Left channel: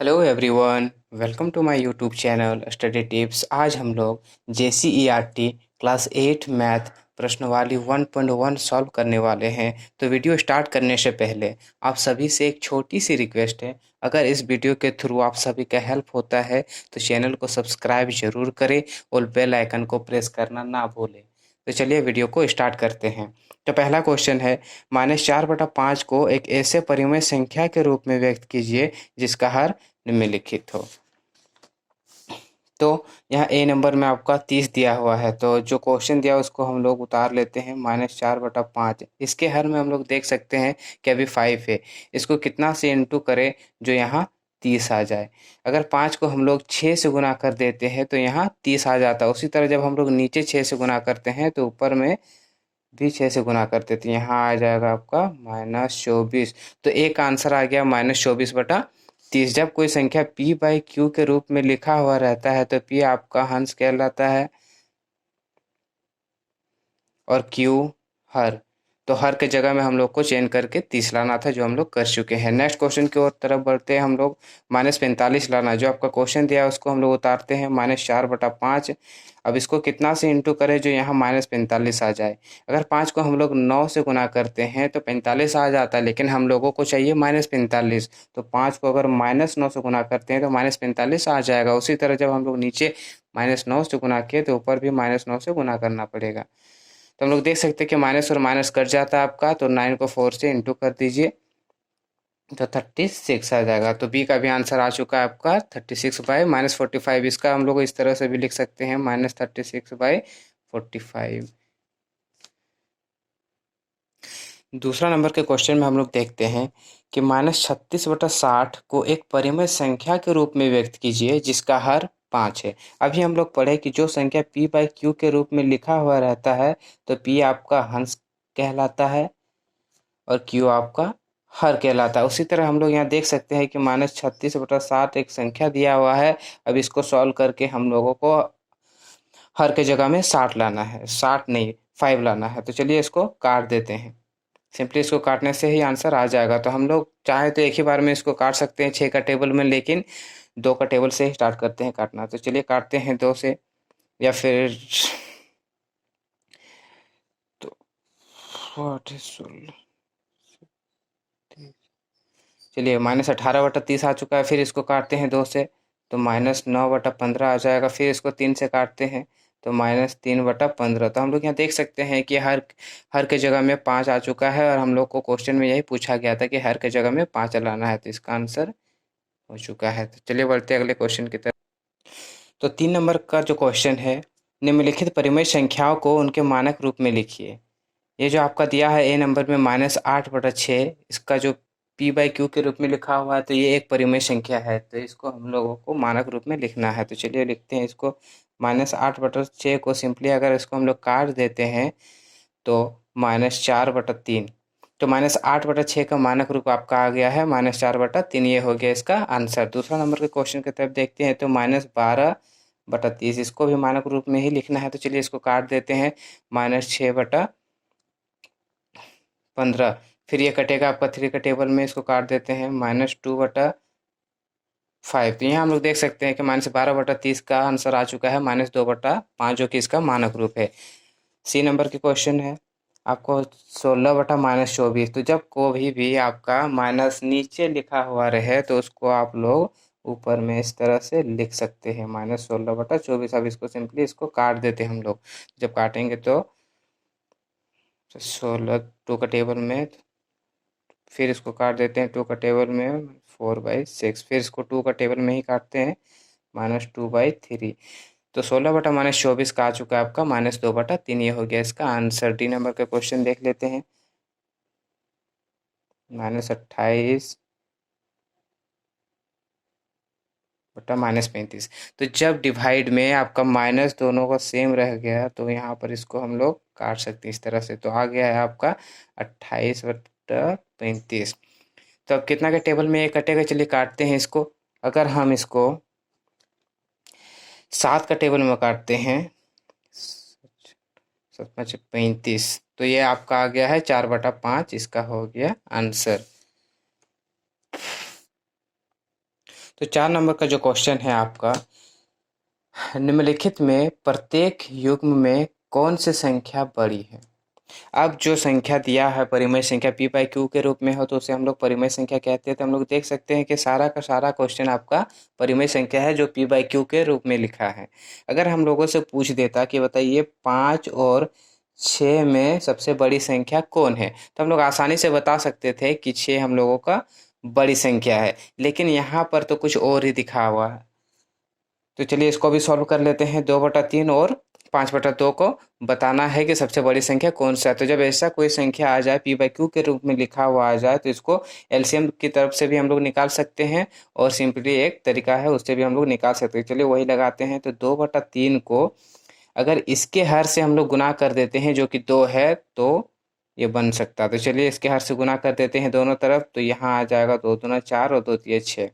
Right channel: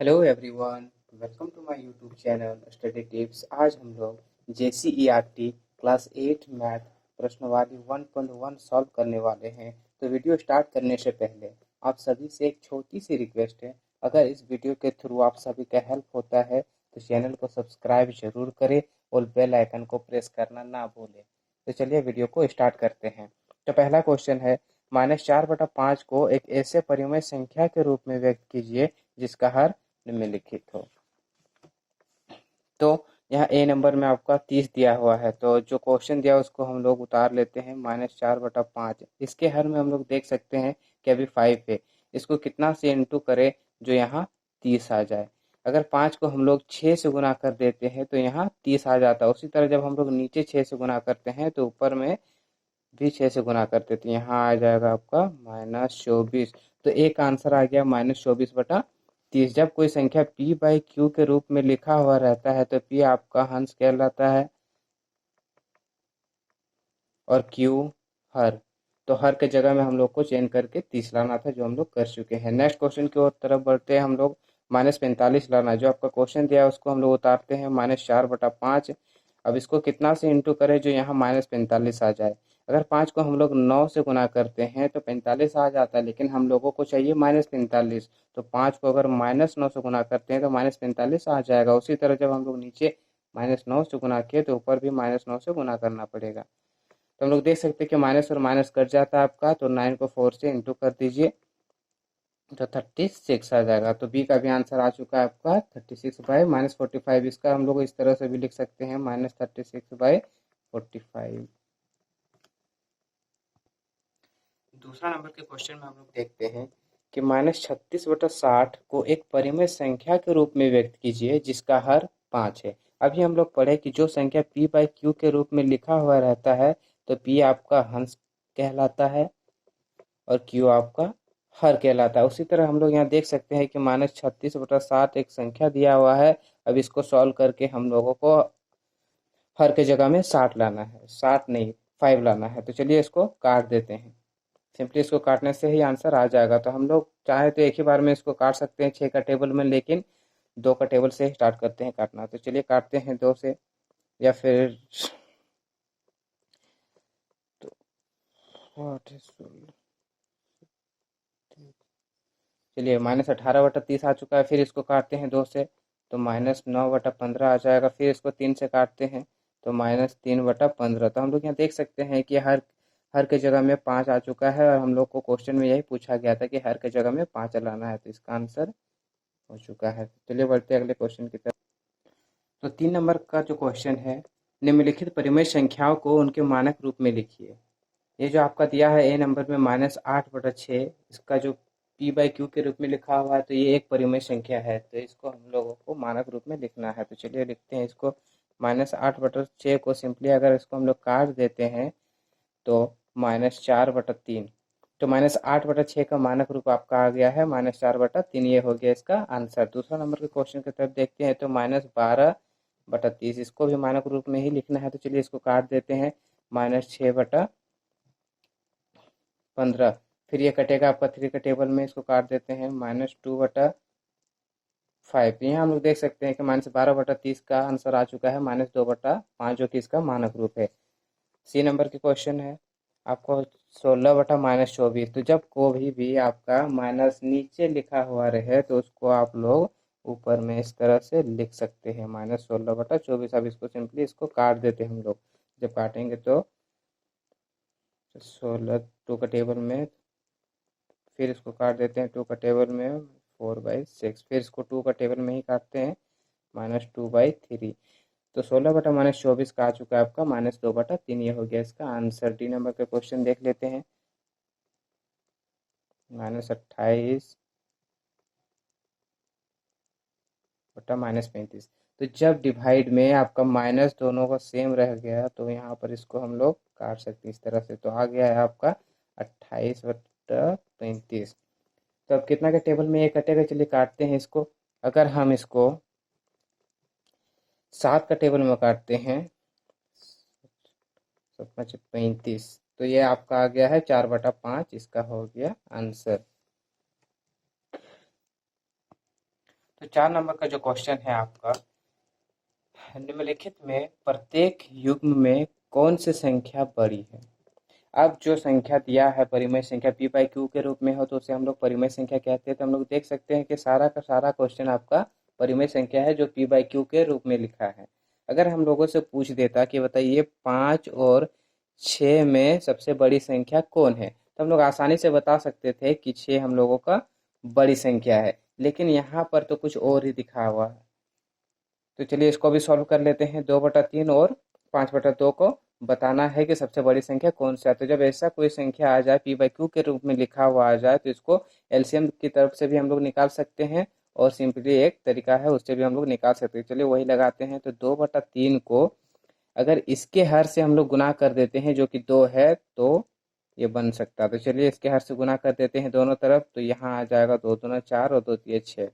Hello everyone, welcome to my YouTube channel study tips. आज हम लोग JCERT क्लास 8 मैथ प्रश्नवाली 1.1 सॉल्व करने वाले हैं। तो वीडियो स्टार्ट करने से पहले आप सभी से एक छोटी सी रिक्वेस्ट है। अगर इस वीडियो के थ्रू आप सभी का हेल्प होता है तो चैनल को सब्सक्राइब जरूर करें और बेल आइकन को प्रेस करना ना भूलें। तो चलिए वीडियो को स्टार्ट करते हैं। तो पहला क्वेश्चन है, -4/5 को एक ऐसे परिमेय संख्या के रूप में व्यक्त कीजिए जिसका हर निम्नलिखित हो। तो यहाँ ए नंबर में आपका 30 दिया हुआ है, तो जो क्वेश्चन दिया उसको हम लोग उतार लेते हैं। -4/5 इसके हर में हम लोग देख सकते हैं कि अभी 5 है। इसको कितना से इंटू करें जो यहाँ 30 आ जाए। अगर 5 को हम लोग 6 से गुना कर देते हैं तो यहाँ 30 आ जाता है। उसी तरह जब हम लोग नीचे 6 से गुना करते हैं तो ऊपर में भी 6 से गुना करते थे। यहाँ आ जाएगा आपका -24। तो एक आंसर आ गया -24/30। जब कोई संख्या p/q के रूप में लिखा हुआ रहता है तो p आपका हंस कहलाता है और q हर। तो हर के जगह में हम लोग को चेंज करके 30 लाना था, जो हम लोग कर चुके हैं। नेक्स्ट क्वेश्चन की ओर तरफ बढ़ते हैं हम लोग। -45 लाना, जो आपका क्वेश्चन दिया है उसको हम लोग उतारते हैं। -4/5। अब इसको कितना से इंटू करें जो यहाँ -45 आ जाए। अगर 5 को हम लोग 9 से गुना करते हैं तो 45 आ जाता है, लेकिन हम लोगों को चाहिए -45। तो 5 को अगर -9 से गुना करते हैं तो -45 आ जाएगा। उसी तरह जब हम लोग नीचे -9 से गुना किए तो ऊपर भी -9 से गुना करना पड़ेगा। तो हम लोग देख सकते हैं कि माइनस और माइनस कट जाता है आपका, तो 9 को 4 से इंटू कर दीजिए तो 36 आ जाएगा। तो बी का भी आंसर आ चुका है आपका 36/-45। इसका हम लोग इस तरह से भी लिख सकते हैं -36/45। दूसरा नंबर के क्वेश्चन में हम लोग देखते हैं कि -36/60 को एक परिमेय संख्या के रूप में व्यक्त कीजिए जिसका हर 5 है। अभी हम लोग पढ़े कि जो संख्या p/q के रूप में लिखा हुआ रहता है तो p आपका हंस कहलाता है और q आपका हर कहलाता है। उसी तरह हम लोग यहाँ देख सकते हैं कि -36/60 एक संख्या दिया हुआ है। अब इसको सॉल्व करके हम लोगों को हर के जगह में 60 लाना है, 60 नहीं 5 लाना है। तो चलिए इसको काट देते हैं। सिंपली इसको काटने से ही आंसर आ जाएगा। तो हम लोग चाहे तो एक ही बार में इसको काट सकते हैं 6 का टेबल में, लेकिन 2 का टेबल से ही स्टार्ट करते हैं काटना। तो चलिए काटते हैं 2 से, या फिर तो 16। चलिए -18/30 आ चुका है। फिर इसको काटते हैं 2 से तो -9/15 आ जाएगा। फिर इसको 3 से काटते हैं तो -3/15। तो हम लोग यहाँ देख सकते हैं कि हर हर के जगह में 5 आ चुका है, और हम लोग को क्वेश्चन में यही पूछा गया था कि हर के जगह में 5 लाना है। तो इसका आंसर हो चुका है। तो चलिए बढ़ते हैं अगले क्वेश्चन की तरफ। तो 3 नंबर का जो क्वेश्चन है, निम्नलिखित परिमेय संख्याओं को उनके मानक रूप में लिखिए। ये जो आपका दिया है ए नंबर में -8/6, इसका जो p/q के रूप में लिखा हुआ है तो ये एक परिमेय संख्या है, तो इसको हम लोगों को मानक रूप में लिखना है। तो चलिए लिखते हैं इसको। -8/6 को सिंपली अगर इसको हम लोग काट देते हैं तो -4/3। तो -8/6 का मानक रूप आपका आ गया है -4/3। ये हो गया इसका आंसर। दूसरा नंबर के क्वेश्चन की तरफ देखते हैं। तो -12/30 इसको भी मानक रूप में ही लिखना है। तो चलिए इसको काट देते हैं। -6/15। फिर ये कटेगा आपका 3 का टेबल में, इसको काट देते हैं। -2/5। तो यहाँ हम लोग देख सकते हैं कि -12/30 का आंसर आ चुका है -2/5, जो कि इसका मानक रूप है। सी नंबर के क्वेश्चन है आपको 16/-24। तो जब कोई भी आपका माइनस नीचे लिखा हुआ रहे तो उसको आप लोग ऊपर में इस तरह से लिख सकते हैं -16/24। अब इसको सिंपली इसको काट देते हैं हम लोग। जब काटेंगे तो 16 2 का टेबल में, फिर इसको काट देते हैं 2 का टेबल में 4/6। फिर इसको 2 का टेबल में ही काटते हैं -2/3। तो 16/-24 का आ चुका है आपका -2/3। ये हो गया इसका आंसर। डी नंबर का क्वेश्चन देख लेते हैं। -28 बटा -35। तो जब डिवाइड में आपका माइनस दोनों का सेम रह गया तो यहाँ पर इसको हम लोग काट सकते हैं इस तरह से। तो आ गया है आपका 28/35। तो अब कितना के टेबल में ये कटेगा, चलिए काटते हैं इसको। अगर हम इसको 7 का टेबल में काटते हैं, 7×5 = 35, तो ये आपका आ गया है 4/5। इसका हो गया आंसर। तो 4 नंबर का जो क्वेश्चन है आपका, निम्नलिखित में प्रत्येक युग्म में कौन सी संख्या बड़ी है? अब जो संख्या दिया है परिमेय संख्या p बाई क्यू के रूप में हो तो उसे हम लोग परिमेय संख्या कहते हैं। तो हम लोग देख सकते हैं कि सारा का सारा क्वेश्चन आपका परिमेय संख्या है जो p बाई क्यू के रूप में लिखा है। अगर हम लोगों से पूछ देता कि बताइए 5 और 6 में सबसे बड़ी संख्या कौन है, तो हम लोग आसानी से बता सकते थे कि 6 हम लोगों का बड़ी संख्या है, लेकिन यहाँ पर तो कुछ और ही दिखा हुआ है। तो चलिए इसको भी सॉल्व कर लेते हैं। 2/3 और 5/2 को बताना है कि सबसे बड़ी संख्या कौन सा है। तो जब ऐसा कोई संख्या आ जाए पी बाई क्यू के रूप में लिखा हुआ आ जाए तो इसको एलसीएम की तरफ से भी हम लोग निकाल सकते हैं और सिंपली एक तरीका है उससे भी हम लोग निकाल सकते हैं। चलिए वही लगाते हैं। तो 2/3 को अगर इसके हर से हम लोग गुना कर देते हैं जो कि 2 है तो ये बन सकता है। तो चलिए इसके हर से गुना कर देते हैं दोनों तरफ। तो यहाँ आ जाएगा 2 दूना 4 और 2 तिये 6।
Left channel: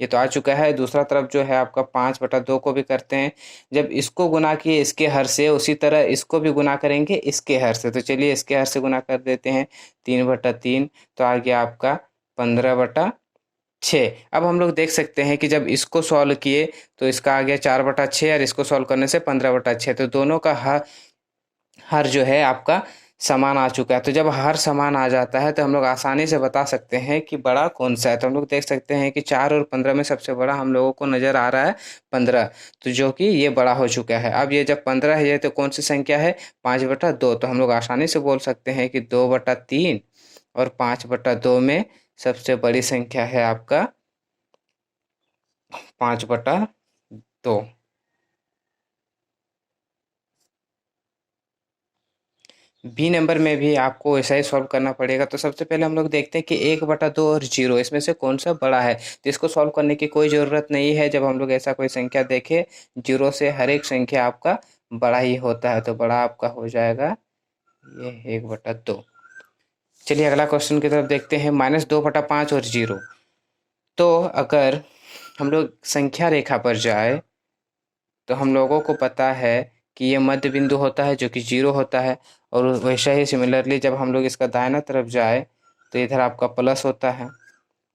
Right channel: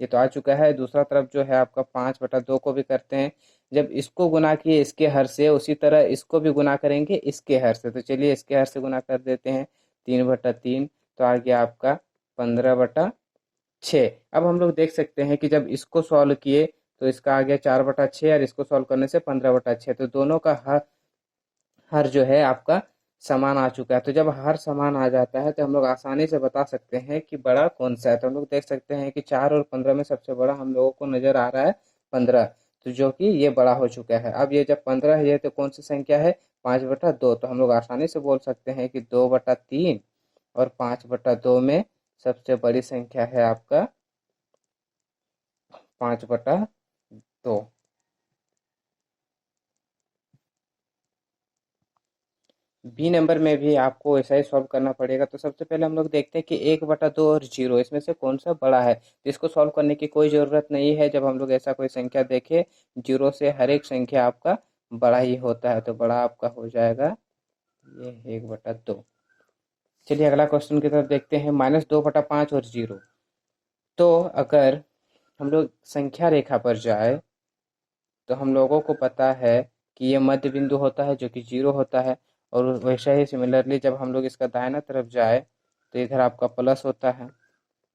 ये तो आ चुका है। दूसरा तरफ जो है आपका 5/2 को भी करते हैं। जब इसको गुना किए इसके हर से, उसी तरह इसको भी गुना करेंगे इसके हर से। तो चलिए इसके हर से गुना कर देते हैं। 3/3 तो आ गया आपका 15/6। अब हम लोग देख सकते हैं कि जब इसको सॉल्व किए तो इसका आ गया 4/6 और इसको सॉल्व करने से 15/6। तो दोनों का हर हर जो है आपका समान आ चुका है। तो जब हर समान आ जाता है तो हम लोग आसानी से बता सकते हैं कि बड़ा कौन सा है। तो हम लोग देख सकते हैं कि 4 और 15 में सबसे बड़ा हम लोगों को नज़र आ रहा है 15। तो जो कि ये बड़ा हो चुका है। अब ये जब 15 है ये तो कौन सी संख्या है? 5/2। तो हम लोग आसानी से बोल सकते हैं कि 2/3 और 5/2 में सबसे बड़ी संख्या है आपका 5/2। बी नंबर में भी आपको ऐसा ही सॉल्व करना पड़ेगा। तो सबसे पहले हम लोग देखते हैं कि 1/2 और 0 इसमें से कौन सा बड़ा है। तो इसको सॉल्व करने की कोई ज़रूरत नहीं है। जब हम लोग ऐसा कोई संख्या देखें 0 से हर एक संख्या आपका बड़ा ही होता है। तो बड़ा आपका हो जाएगा ये 1/2। चलिए अगला क्वेश्चन की तरफ देखते हैं। -2/5 और 0। तो अगर हम लोग संख्या रेखा पर जाए तो हम लोगों को पता है कि ये मध्य बिंदु होता है जो कि 0 होता है। और वैसा ही सिमिलरली जब हम लोग इसका दाहिना तरफ जाए तो इधर आपका प्लस होता है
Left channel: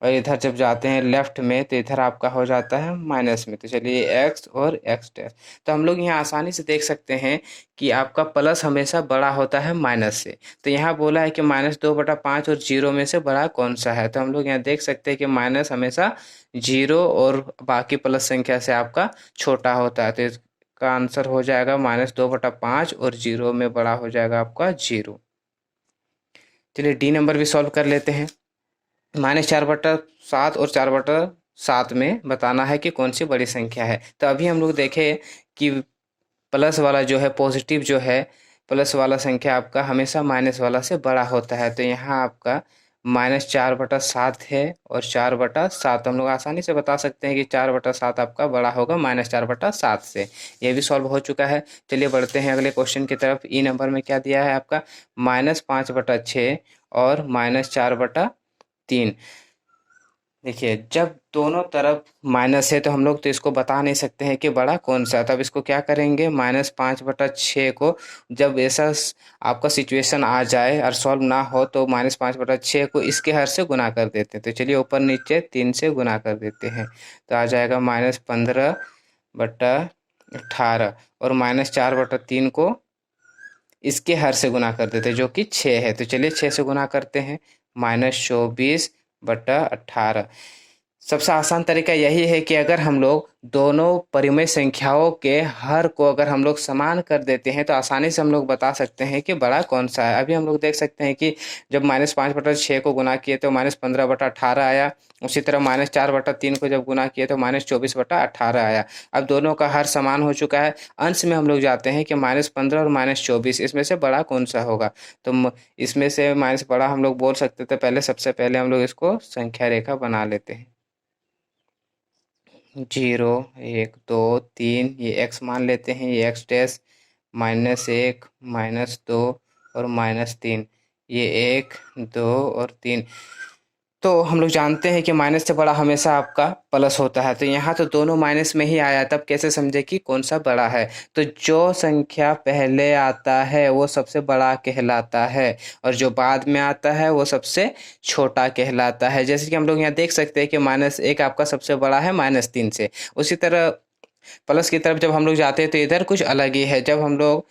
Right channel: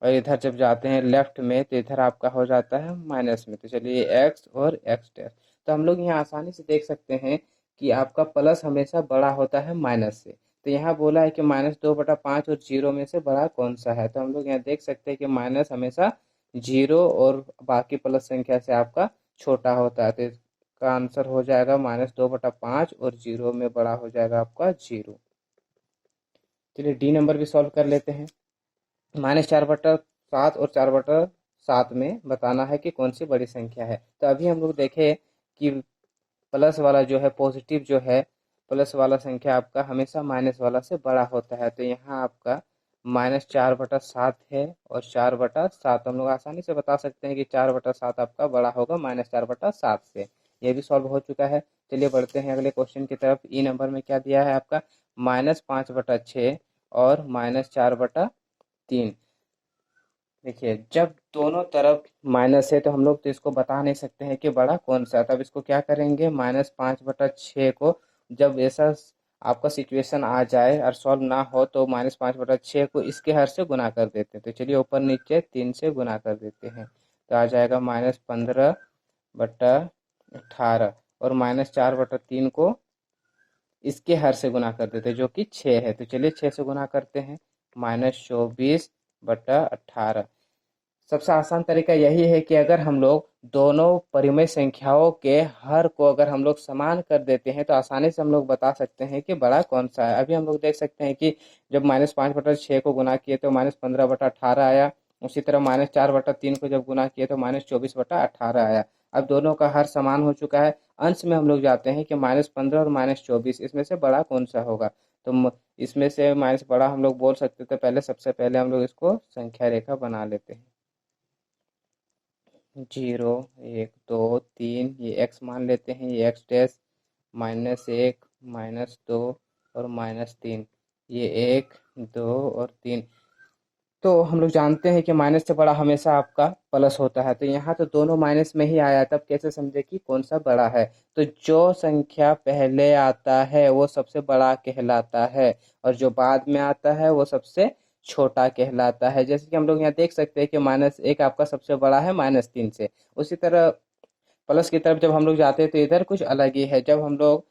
और इधर जब जाते हैं लेफ्ट में तो इधर आपका हो जाता है माइनस में। तो चलिए एक्स और एक्स डैश। तो हम लोग यहाँ आसानी से देख सकते हैं कि आपका प्लस हमेशा बड़ा होता है माइनस से। तो यहाँ बोला है कि -2/5 और 0 में से बड़ा कौन सा है। तो हम लोग यहाँ देख सकते हैं कि माइनस हमेशा 0 और बाकी प्लस संख्या से आपका छोटा होता है। तो इसका आंसर हो जाएगा -2/5 और 0 में बड़ा हो जाएगा आपका 0। चलिए डी नंबर भी सॉल्व कर लेते हैं। -4/7 और 4/7 में बताना है कि कौन सी बड़ी संख्या है। तो अभी हम लोग देखें कि प्लस वाला जो है पॉजिटिव जो है प्लस वाला संख्या आपका हमेशा माइनस वाला से बड़ा होता है। तो यहाँ आपका -4/7 है और 4/7 हम लोग आसानी से बता सकते हैं कि 4/7 आपका बड़ा होगा -4/7 से। ये भी सॉल्व हो चुका है। चलिए बढ़ते हैं अगले क्वेश्चन की तरफ। ई नंबर में क्या दिया है आपका -5/6 और -4/3। देखिए जब दोनों तरफ माइनस है तो हम लोग तो इसको बता नहीं सकते हैं कि बड़ा कौन सा है। तब इसको क्या करेंगे -5/6 को जब ऐसा आपका सिचुएशन आ जाए और सॉल्व ना हो तो -5/6 को इसके हर से गुना कर देते हैं। तो चलिए ऊपर नीचे 3 से गुना कर देते हैं। तो आ जाएगा -15/18 और -4/3 को इसके हर से गुना कर देते हैं जो कि 6 है। तो चलिए 6 से गुना करते हैं। -24/18। सबसे आसान तरीका यही है कि अगर हम लोग दोनों परिमेय संख्याओं के हर को अगर हम लोग समान कर देते हैं तो आसानी से हम लोग बता सकते हैं कि बड़ा कौन सा है। अभी हम लोग देख सकते हैं कि जब -5/6 को गुना किए तो -15/18 आया। उसी तरह -4/3 को जब गुना किए तो -24/18 आया। अब दोनों का हर समान हो चुका है। अंश में हम लोग जाते हैं कि -15 और -24 इसमें से बड़ा कौन सा होगा। तो इसमें से माइनस बड़ा हम लोग बोल सकते थे पहले। सबसे पहले हम लोग इसको संख्या रेखा बना लेते हैं। 0 1 2 3 ये एक्स मान लेते हैं। ये एक्स डैश -1 -2 और -3 ये 1 2 और 3। तो हम लोग जानते हैं कि माइनस से बड़ा हमेशा आपका प्लस होता है, तो यहाँ तो दोनों माइनस में ही आया, तब कैसे समझे कि कौन सा बड़ा है। तो जो संख्या पहले आता है वो सबसे बड़ा कहलाता है और जो बाद में आता है वो सबसे छोटा कहलाता है। जैसे कि हम लोग यहाँ देख सकते हैं कि -1 आपका सबसे बड़ा है -3 से। उसी तरह प्लस की तरफ जब हम लोग जाते हैं तो इधर कुछ अलग ही है। जब हम लोग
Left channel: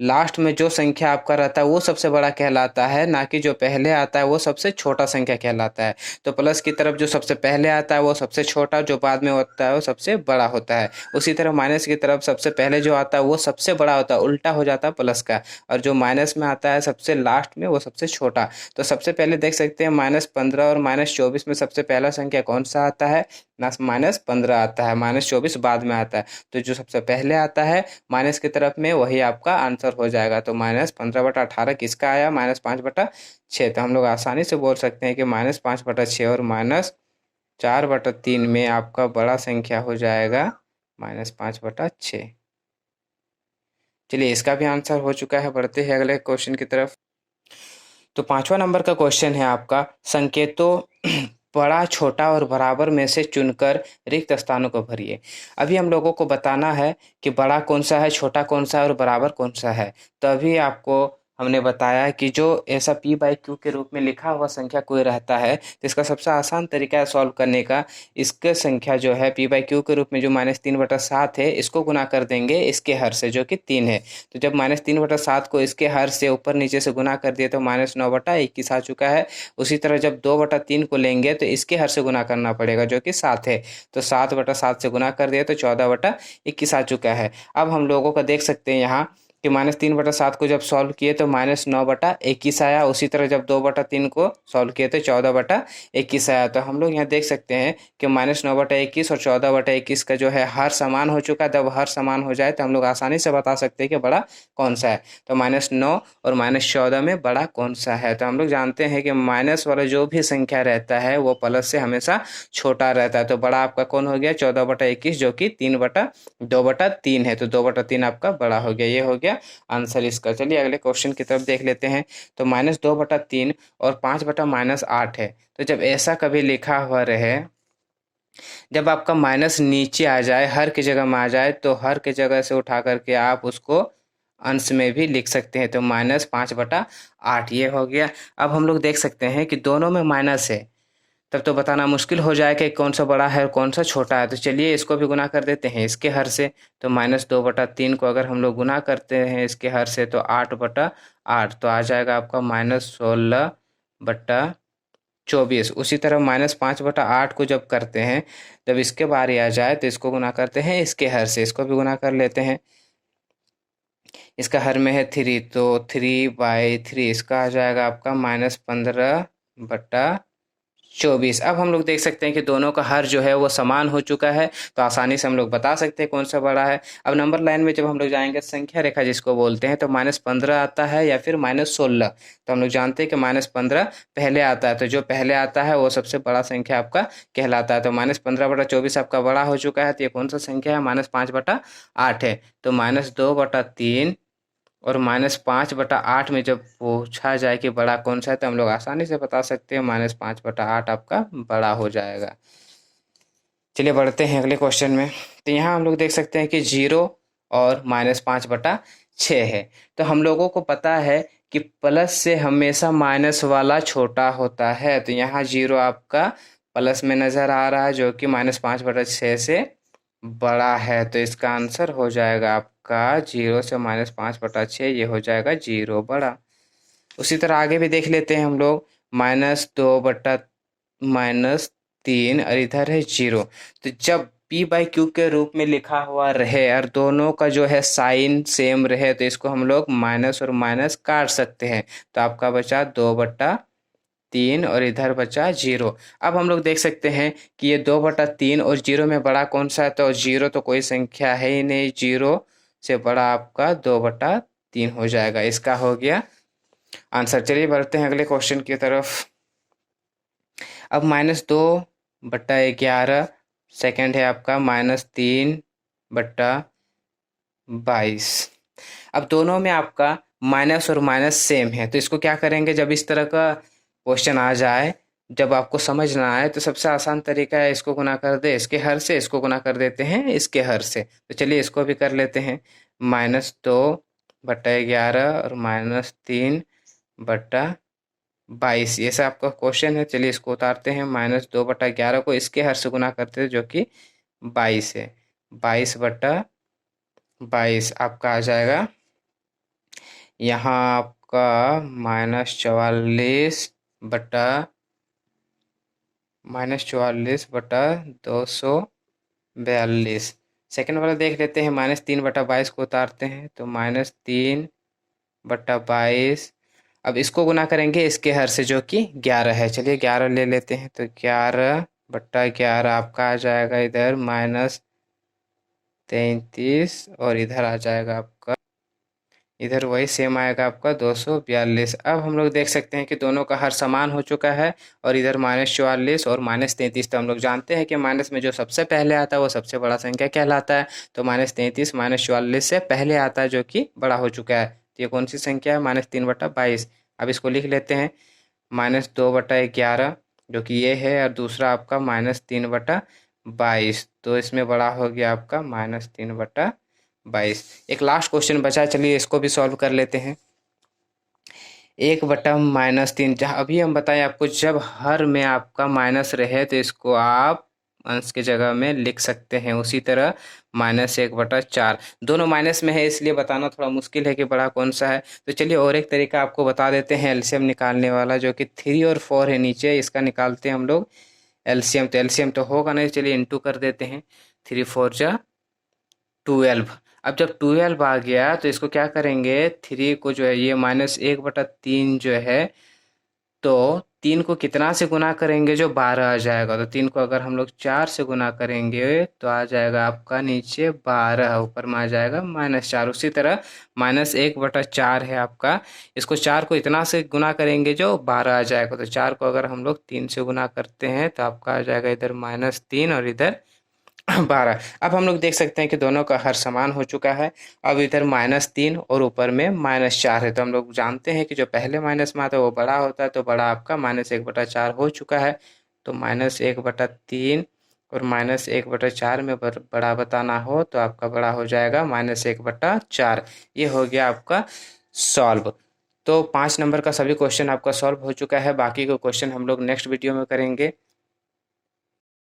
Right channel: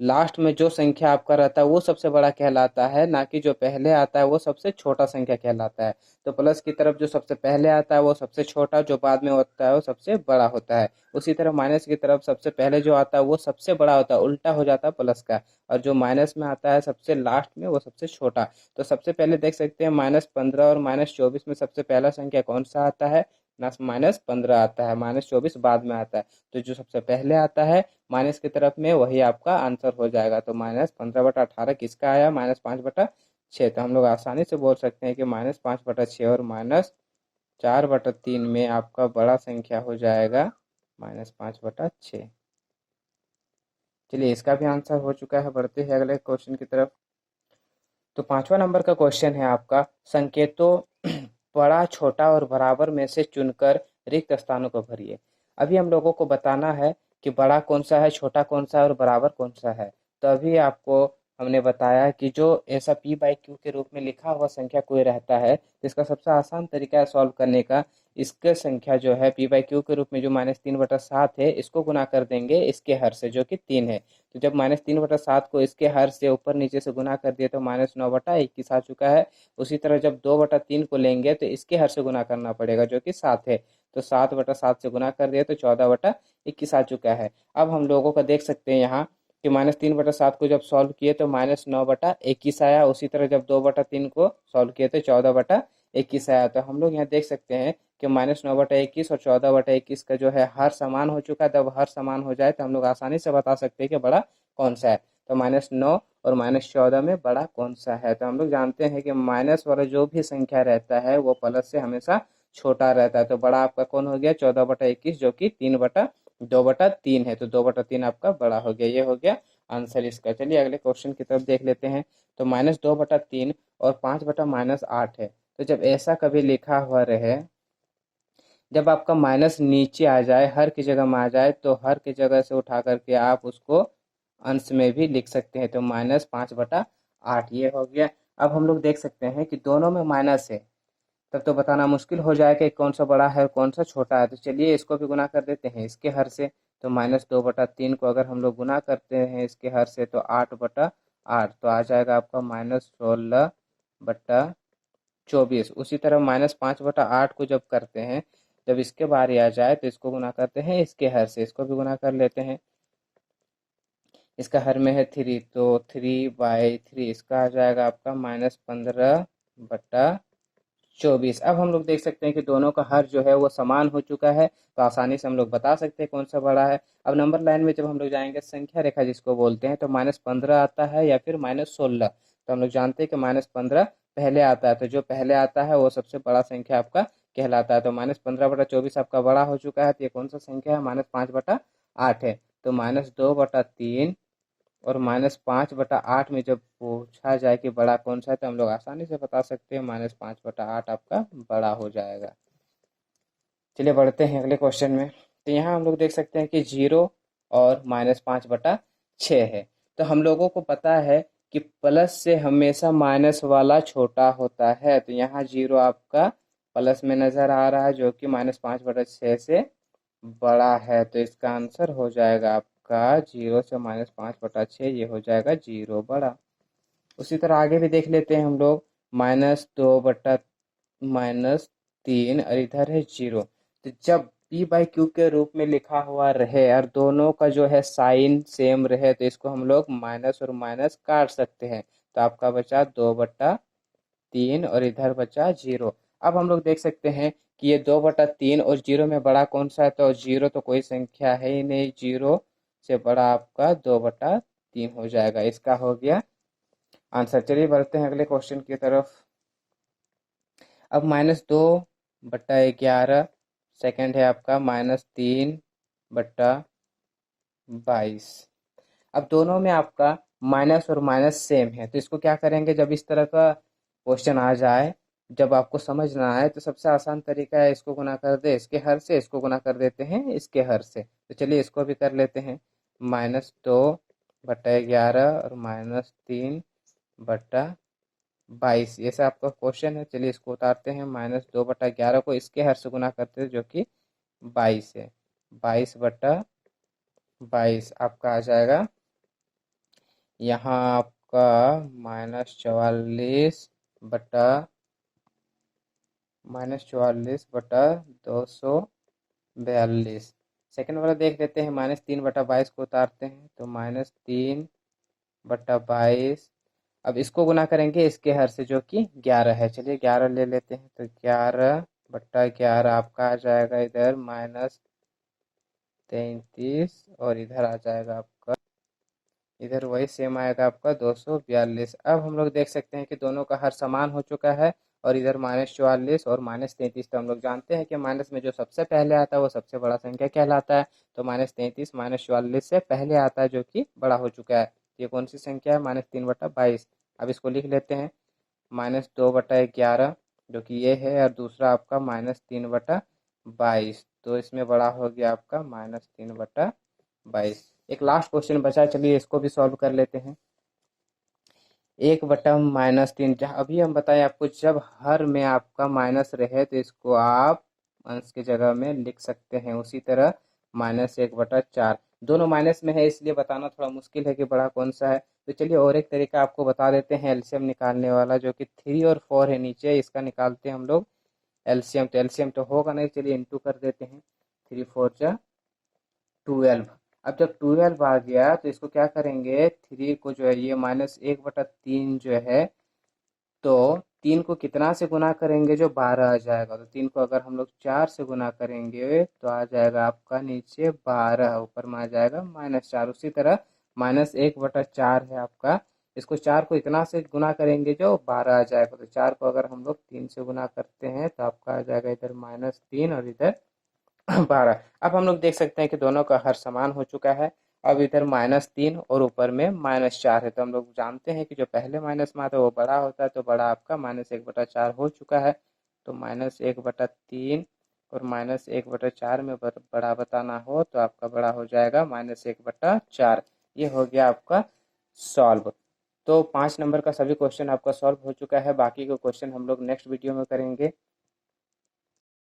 लास्ट में जो संख्या आपका रहता है वो सबसे बड़ा कहलाता है, ना कि जो पहले आता है वो सबसे छोटा संख्या कहलाता है। तो प्लस की तरफ जो सबसे पहले आता है वो सबसे छोटा, जो बाद में होता है वो सबसे बड़ा होता है। उसी तरह माइनस की तरफ सबसे पहले जो आता है वो सबसे बड़ा होता है, उल्टा हो जाता है प्लस का, और जो माइनस में आता है सबसे लास्ट में वो सबसे छोटा। तो सबसे पहले देख सकते हैं -15 और -24 में सबसे पहला संख्या कौन सा आता है, ना -15 आता है, -24 बाद में आता है। तो जो सबसे पहले आता है माइनस की तरफ में वही आपका आंसर हो जाएगा। तो -15/18 किसका आया, -5/6। तो हम लोग आसानी से बोल सकते हैं कि -5/6 और -4/3 में आपका बड़ा संख्या हो जाएगा -5/6। चलिए इसका भी आंसर हो चुका है। बढ़ते हैं अगले क्वेश्चन की तरफ। तो 5वां नंबर का क्वेश्चन है आपका, संकेतों बड़ा, छोटा और बराबर में से चुनकर रिक्त स्थानों को भरिए। अभी हम लोगों को बताना है कि बड़ा कौन सा है, छोटा कौन सा है और बराबर कौन सा है। तो अभी आपको हमने बताया है कि जो ऐसा p/q के रूप में लिखा हुआ संख्या कोई रहता है, तो इसका सबसे आसान तरीका है सॉल्व करने का। इसके संख्या जो है p/q के रूप में जो -3/7 है, इसको गुना कर देंगे इसके हर से जो कि 3 है। तो जब -3/7 को इसके हर से ऊपर नीचे से गुना कर दिए तो -9/21 आ चुका है। उसी तरह जब 2/3 को लेंगे तो इसके हर से गुना करना पड़ेगा जो कि 7 है। तो 7/7 से गुना कर दिया तो 14/21 आ चुका है। अब हम लोगों का देख सकते हैं यहाँ कि -3/7 को जब सॉल्व किए तो -9/21 आया। उसी तरह जब 2/3 को सॉल्व किए तो 14/21 आया। तो हम लोग यहाँ देख सकते हैं कि -9/21 और 14/21 का जो है हर समान हो चुका है। जब हर समान हो जाए तो हम लोग आसानी से बता सकते हैं कि बड़ा कौन सा है। तो -9 और -14 में बड़ा कौन सा है। तो हम लोग जानते हैं कि माइनस वाला जो भी संख्या रहता है वो प्लस से हमेशा छोटा रहता है। तो बड़ा आपका कौन हो गया, 14/21 जो कि 2/3 है। तो 2/3 आपका बड़ा हो गया। ये हो गया आंसर इसका। चलिए अगले क्वेश्चन की तरफ देख लेते हैं। तो -2/3 और 5/-8 है। तो जब ऐसा कभी लिखा हुआ रहे, जब आपका माइनस नीचे आ जाए, हर की जगह में आ जाए, तो हर की जगह से उठा करके आप उसको अंश में भी लिख सकते हैं। तो -5/8 ये हो गया। अब हम लोग देख सकते हैं कि दोनों में माइनस है, तब तो बताना मुश्किल हो जाएगा कि कौन सा बड़ा है और कौन सा छोटा है। तो चलिए इसको भी गुना कर देते हैं इसके हर से। तो -2/3 को अगर हम लोग गुना करते हैं इसके हर से तो 8/8 तो आ जाएगा आपका -16/24। उसी तरह -5/8 को जब करते हैं, जब इसके बारी आ जाए तो इसको गुना करते हैं इसके हर से। इसको भी गुना कर लेते हैं। इसका हर में है 3, तो 3/3 इसका आ जाएगा आपका -15/24। अब हम लोग देख सकते हैं कि दोनों का हर जो है वो समान हो चुका है, तो आसानी से हम लोग बता सकते हैं कौन सा बड़ा है। अब नंबर लाइन में जब हम लोग जाएंगे, संख्या रेखा जिसको बोलते हैं, तो -15 आता है या फिर -16। तो हम लोग जानते हैं कि -15 पहले आता है, तो जो पहले आता है वो सबसे बड़ा संख्या आपका कहलाता है। तो -15/24 आपका बड़ा हो चुका है। तो ये कौन सा संख्या है, -5/8 है। तो -2/3 और -5/8 में जब पूछा जाए कि बड़ा कौन सा है, तो हम लोग आसानी से बता सकते हैं -5/8 आपका बड़ा हो जाएगा। चलिए बढ़ते हैं अगले क्वेश्चन में। तो यहाँ हम लोग देख सकते हैं कि 0 और -5/6 है। तो हम लोगों को पता है कि प्लस से हमेशा माइनस वाला छोटा होता है। तो यहाँ 0 आपका प्लस में नज़र आ रहा है जो कि -5/6 से बड़ा है। तो इसका आंसर हो जाएगा आपका 0 से -5/6, ये हो जाएगा 0 बड़ा। उसी तरह आगे भी देख लेते हैं हम लोग। -2/-3 और इधर है 0। तो जब p/q के रूप में लिखा हुआ रहे और दोनों का जो है साइन सेम रहे, तो इसको हम लोग माइनस और माइनस काट सकते हैं। तो आपका बचा 2/3 और इधर बचा 0। अब हम लोग देख सकते हैं कि ये 2/3 और 0 में बड़ा कौन सा है। तो 0 तो कोई संख्या है ही नहीं, 0 से बड़ा आपका 2/3 हो जाएगा। इसका हो गया आंसर। चलिए बढ़ते हैं अगले क्वेश्चन की तरफ। अब -2/11 सेकंड है आपका -3/22। अब दोनों में आपका माइनस और माइनस सेम है, तो इसको क्या करेंगे, जब इस तरह का क्वेश्चन आ जाए जब आपको समझ ना आए तो सबसे आसान तरीका है, इसको गुना कर दे इसके हर से, इसको गुना कर देते हैं इसके हर से। तो चलिए इसको भी कर लेते हैं। -2/11 और -3/22, ये सब आपका क्वेश्चन है। चलिए इसको उतारते हैं। -2/11 को इसके हर से गुना करते हैं जो कि 22 है। 22/22 आपका आ जाएगा यहाँ आपका -44/242। सेकंड वाला देख लेते हैं। -3/22 को उतारते हैं तो -3/22। अब इसको गुना करेंगे इसके हर से जो कि 11 है। चलिए 11 ले लेते हैं तो 11/11 आपका आ जाएगा इधर -33, और इधर आ जाएगा आपका, इधर वही सेम आएगा आपका 242। अब हम लोग देख सकते हैं कि दोनों का हर समान हो चुका है, और इधर -44 और -33। तो हम लोग जानते हैं कि माइनस में जो सबसे पहले आता है वो सबसे बड़ा संख्या कहलाता है। तो -33 -44 से पहले आता है जो कि बड़ा हो चुका है। तो ये कौन सी संख्या है? -3/22। अब इसको लिख लेते हैं। -2/11 जो कि ये है, और दूसरा आपका -3/22। तो इसमें बड़ा हो गया आपका -3/22। एक लास्ट क्वेश्चन बचा है, चलिए इसको भी सॉल्व कर लेते हैं। 1/-3, जहाँ अभी हम बताएं आपको, जब हर में आपका माइनस रहे तो इसको आप अंश की जगह में लिख सकते हैं। उसी तरह -1/4, दोनों माइनस में है इसलिए बताना थोड़ा मुश्किल है कि बड़ा कौन सा है। तो चलिए और एक तरीका आपको बता देते हैं एलसीएम निकालने वाला, जो कि 3 और 4 है नीचे, इसका निकालते हैं हम लोग एलसीएम। तो एलसीएम तो होगा नहीं, चलिए इंटू कर देते हैं। 3×4 = 12। अब जब 12 आ गया तो इसको क्या करेंगे, 3 को जो है ये -1/3 जो है, तो 3 को कितना से गुना करेंगे जो 12 आ जाएगा। तो 3 को अगर हम लोग 4 से गुना करेंगे तो आ जाएगा आपका नीचे 12, ऊपर में आ जाएगा -4। उसी तरह -1/4 है आपका, इसको 4 को इतना से गुना करेंगे जो 12 आ जाएगा। तो 4 को अगर हम लोग 3 से गुना करते हैं तो आपका आ जाएगा इधर -3 और इधर 12। अब हम लोग देख सकते हैं कि दोनों का हर समान हो चुका है। अब इधर -3 और ऊपर में -4 है। तो हम लोग जानते हैं कि जो पहले माइनस में आता है वो बड़ा होता है। तो बड़ा आपका -1/4 हो चुका है। तो -1/3 और -1/4 में बड़ा बताना हो तो आपका बड़ा हो जाएगा -1/4। ये हो गया आपका सॉल्व। तो 5 नंबर का सभी क्वेश्चन आपका सॉल्व हो चुका है। बाकी के क्वेश्चन हम लोग नेक्स्ट वीडियो में करेंगे।